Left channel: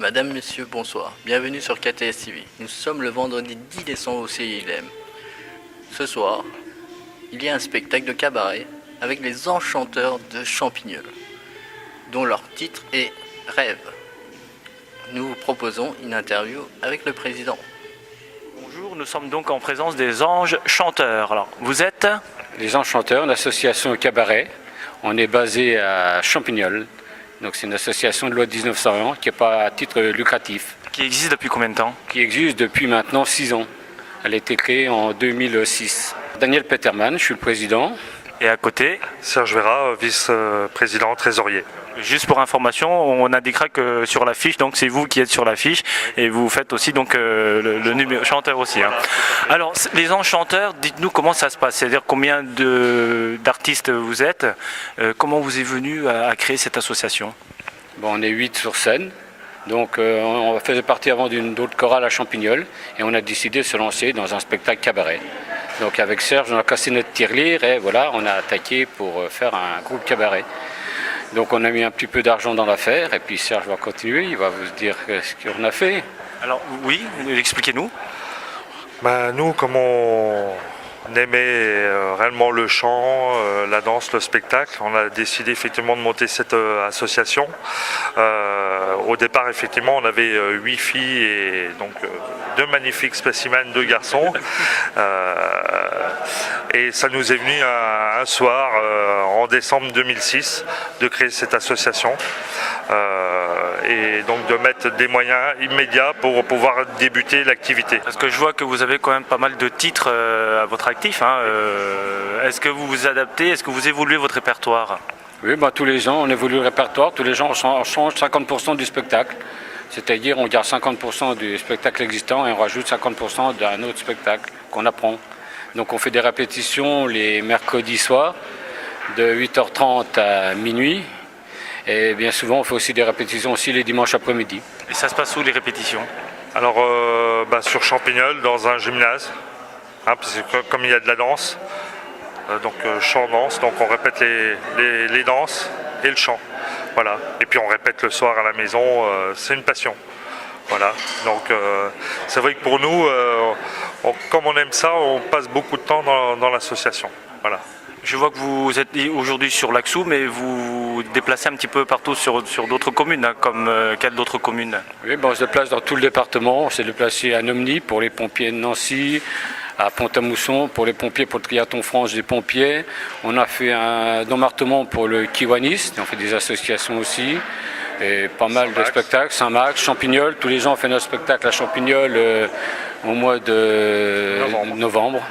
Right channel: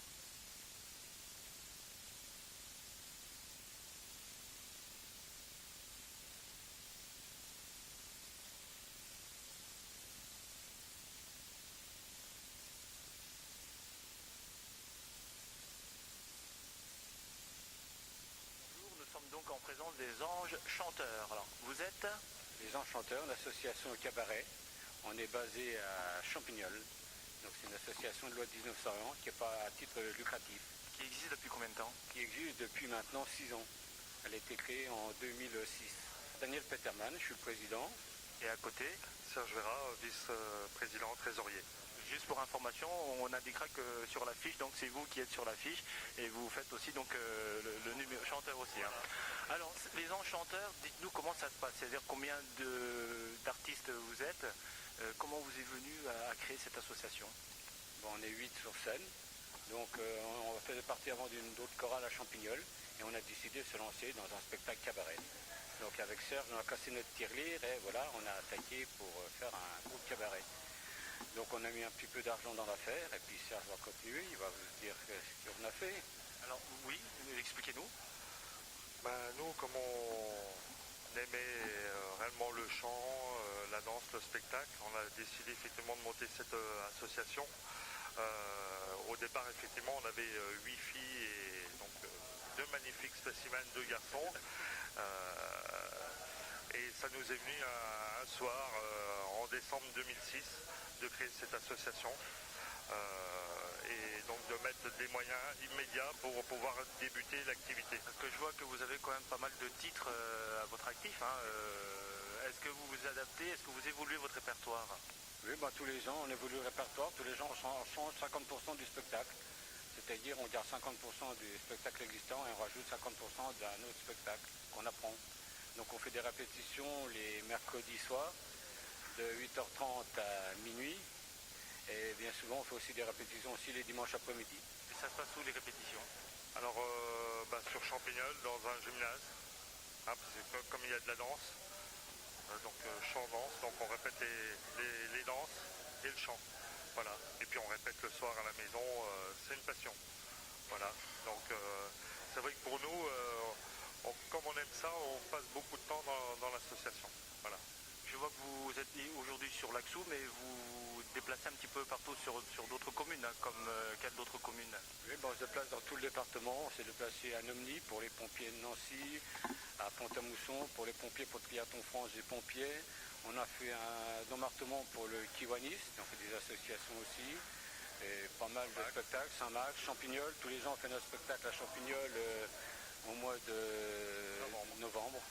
Madame, Monsieur, bonsoir. Bienvenue sur KTS TV. Nous sommes le vendredi 10 décembre au CILM. Ce soir, il y a un spectacle de cabaret avec les enchanteurs de Champignol, dont leur titre est Rêve. Nous vous proposons une interview avec le président. Bonjour, nous sommes donc en présence des Anges Chanteurs. Alors, vous êtes? Les Anges Chanteurs, l'association cabaret. On est basé à Champignol. Donc c'est une association de loi de 1901 qui n'est pas à titre lucratif. Qui existe depuis combien de temps? Qui existe depuis maintenant 6 ans. Elle a été créée en 2006. Daniel Peterman, je suis le président. Et à côté? Serge Vera, vice-président trésorier. Juste pour information, on indiquera que sur l'affiche, donc c'est vous qui êtes sur l'affiche et vous faites aussi donc le numéro chanteur aussi. Hein. Alors les Anges Chanteurs, dites-nous comment ça se passe, c'est-à-dire combien d'artistes vous êtes, comment vous est venu à créer cette association? Bon, on est 8 sur scène, donc on faisait partie avant d'autres chorales à Champignol et on a décidé de se lancer dans un spectacle cabaret. Donc avec Serge, on a cassé notre tirelire et voilà, on a attaqué pour faire un groupe cabaret. Donc on a mis un petit peu d'argent dans l'affaire et puis Serge va continuer, il va vous dire ce qu'on a fait. Alors oui, expliquez-nous. Nous, comme on aimait réellement le chant, la danse, le spectacle, on a décidé effectivement de monter cette association. Au départ, effectivement, on avait 8 filles et donc 2 magnifiques spécimens, 2 garçons. Et ça nous est venu un soir, en décembre 2006, de créer cette association. Et donc de mettre des moyens immédiats pour pouvoir débuter l'activité. Parce que je vois que vous avez quand même pas mal de titres à votre actif. Hein. Est-ce que vous vous adaptez, est-ce que vous évoluez votre répertoire? Oui, tous les ans on évolue le répertoire, tous les ans on change 50% du spectacle. C'est-à-dire on garde 50% du spectacle existant et on rajoute 50% d'un autre spectacle qu'on apprend. Donc on fait des répétitions les mercredis soirs de 8h30 à minuit. Et bien souvent, on fait aussi des répétitions aussi les dimanches après-midi. Et ça se passe où les répétitions? Alors, sur Champignol, dans un gymnase, hein, parce que comme il y a de la danse, donc chant-danse, donc on répète les danses et le chant. Voilà. Et puis on répète le soir à la maison, c'est une passion. Voilà. Donc c'est vrai que pour nous, comme on aime ça, on passe beaucoup de temps dans l'association. Voilà. Je vois que vous êtes aujourd'hui sur l'Axou, mais vous déplacez un petit peu partout sur d'autres communes, hein, comme quelles d'autres communes? Oui, on se déplace dans tout le département. On s'est déplacé à Nomny pour les pompiers de Nancy, à Pont-à-Mousson pour les pompiers, pour le triathlon France des pompiers. On a fait un Dommartement pour le Kiwanis, on fait des associations aussi. Et pas mal de spectacles, Saint-Max, Champignol. Tous les ans on fait notre spectacle à Champignol au mois de novembre.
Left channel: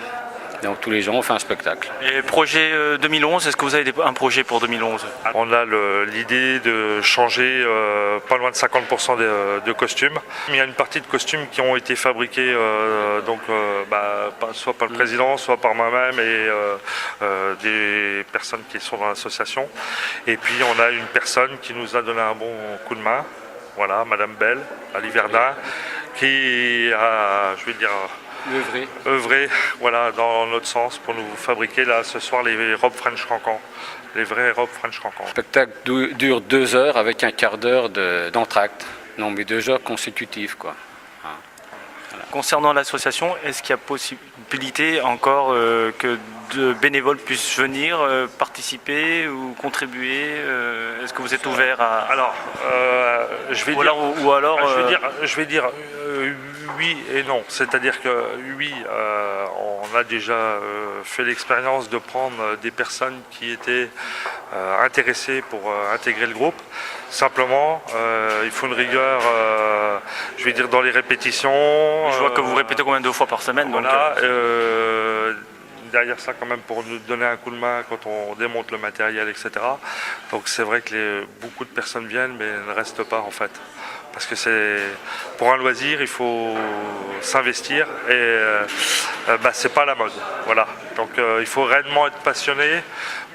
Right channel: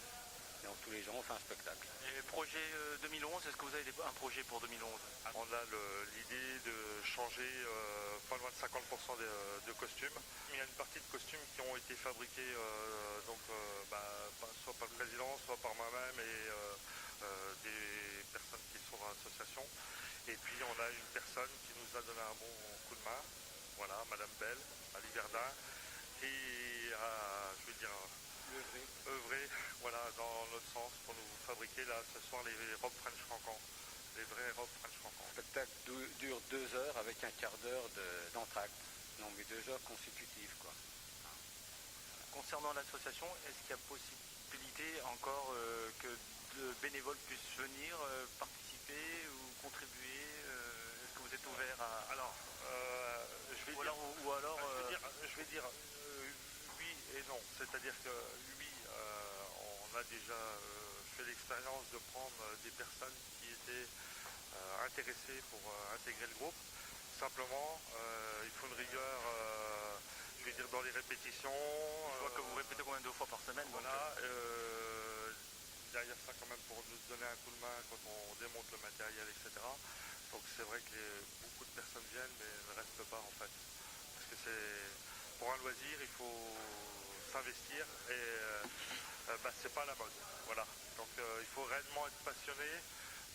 Donc tous les ans on fait un spectacle. Et projet 2011, est-ce que vous avez un projet pour 2011? On a l'idée de changer pas loin de 50% de costumes. Il y a une partie de costumes qui ont été fabriqués soit par le président, soit par moi-même et des personnes qui sont dans l'association. Et puis on a une personne qui nous a donné un bon coup de main, voilà, Madame Belle, à Liverdun, qui a, œuvré voilà, dans notre sens pour nous fabriquer là ce soir les robes French Cancan, les vraies robes French Cancan. Le spectacle dure 2 heures avec un quart d'heure d'entracte. Non, mais 2 heures consécutives, quoi. Voilà. Concernant l'association, est-ce qu'il y a possibilité encore que de bénévoles puissent venir participer ou contribuer? Est-ce que vous êtes ouvert à... Alors, je vais dire oui et non. C'est-à-dire que oui, on a déjà fait l'expérience de prendre des personnes qui étaient intéressées pour intégrer le groupe. Simplement, il faut une rigueur, dans les répétitions. Je vois que vous répétez combien de fois par semaine? Voilà. Derrière ça quand même pour nous donner un coup de main quand on démonte le matériel, etc. Donc c'est vrai que beaucoup de personnes viennent mais ne restent pas en fait. Parce que pour un loisir, il faut s'investir et c'est pas la mode. Voilà. Donc il faut réellement être passionné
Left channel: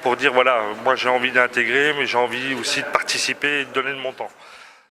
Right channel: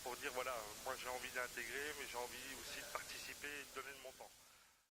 pour dire voilà, moi j'ai envie d'intégrer mais j'ai envie aussi de participer et de donner de mon temps.